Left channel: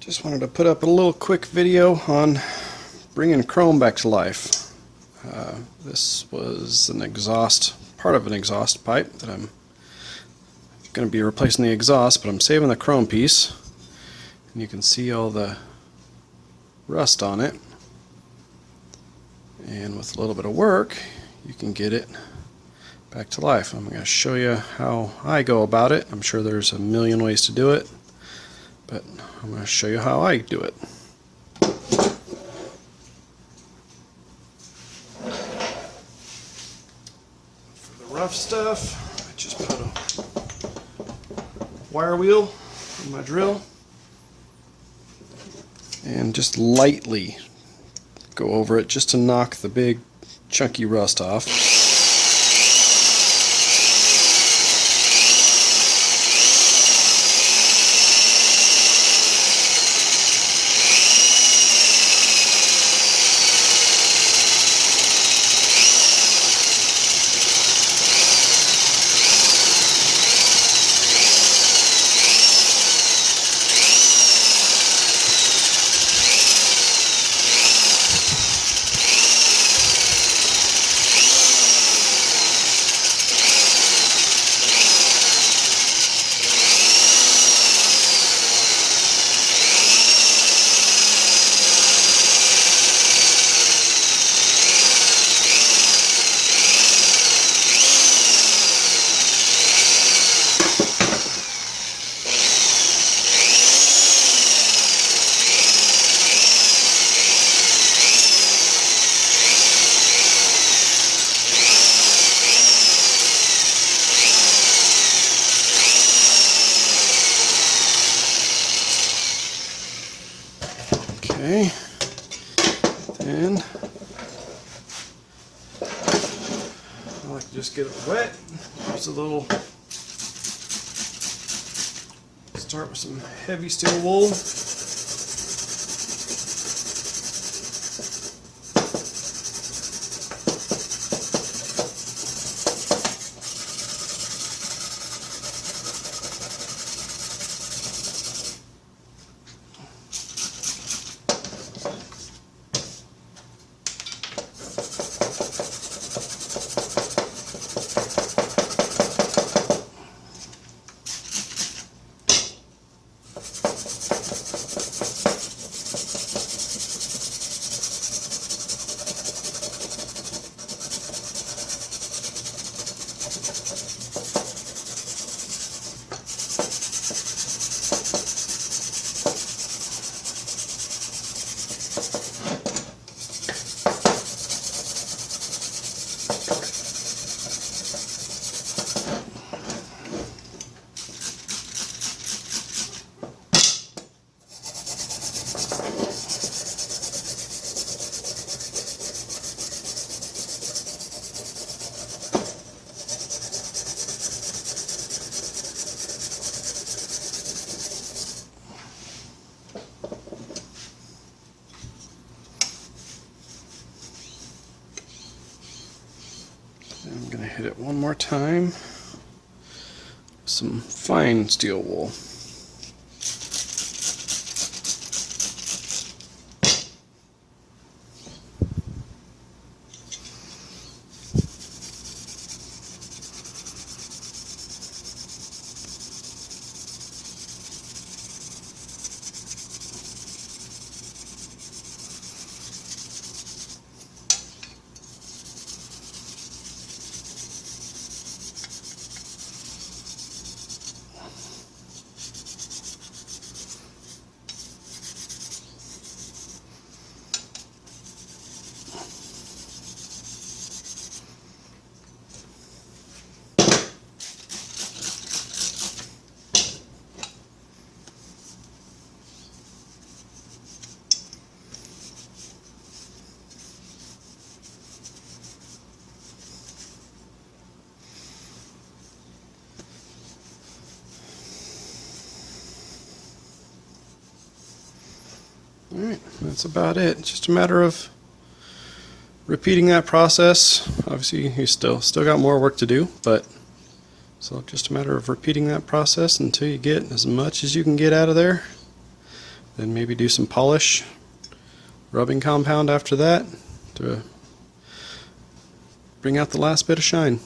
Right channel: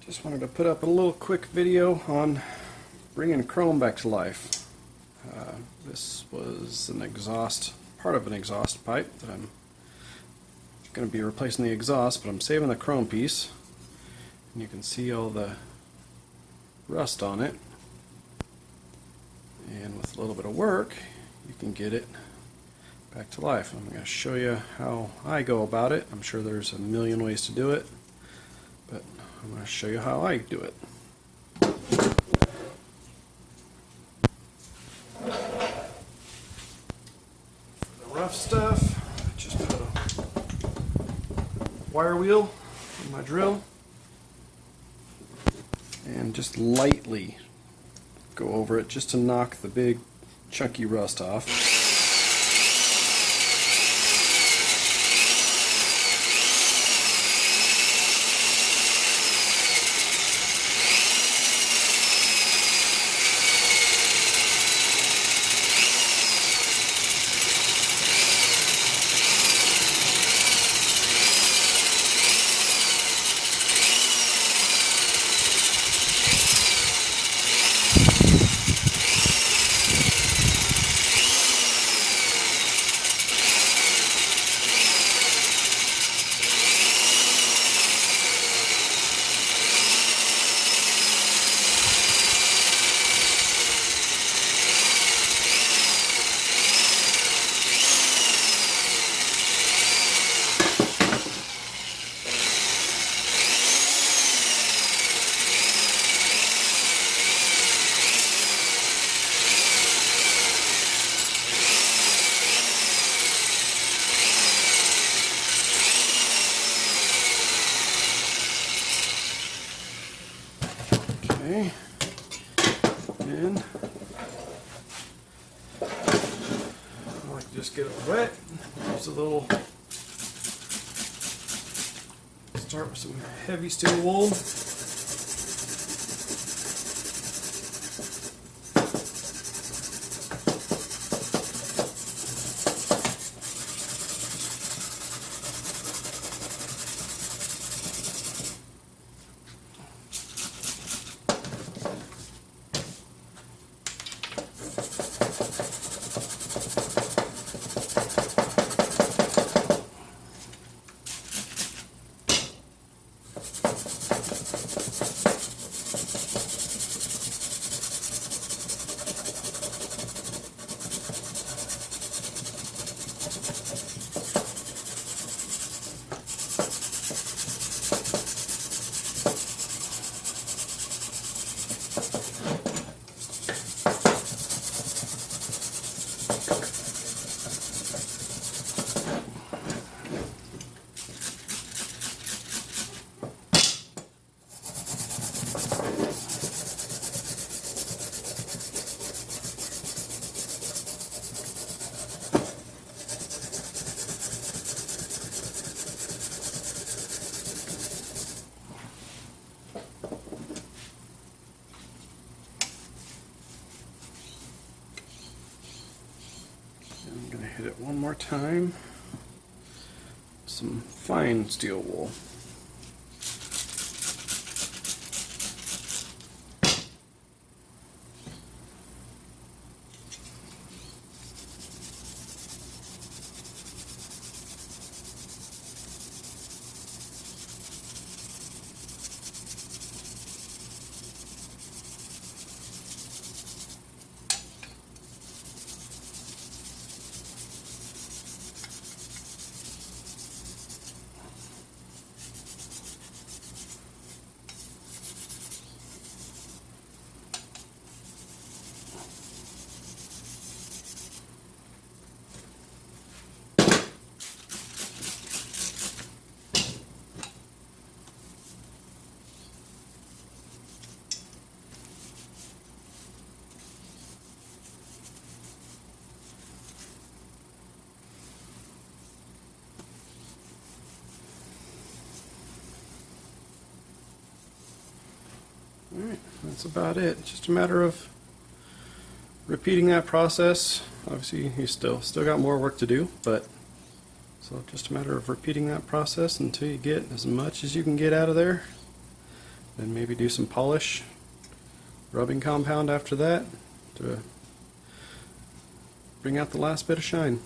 Just wanted to put up a little quick video on bringing chrome back to life. This was an exhaust, part of an exhaust pipe that I'm going to be replacing the exhaust, but I'm saving the chrome piece. And you can see all the rust on it. And with a little bit of work, you can get it back to life. I'm going to show you how I go about it. I'm sure there's a million ways to do it, but I'm going to show you how I do it. For the rough stuff, I just put a wire wheel in my drill and just lightly go over it just to knock the big chunky rust off. Okay, and I like to just get it wet. There's a little, start with some heavy steel wool. I'm going to hit it one more time with some fine steel wool. Alright, that's about it. It's just a matter of repeating that process. Obviously you still got more work to do, but so just a matter of repeating that process until you get as much as you can get out of there. then maybe do some polish, rubbing compound after that to bring out the last bit of shine.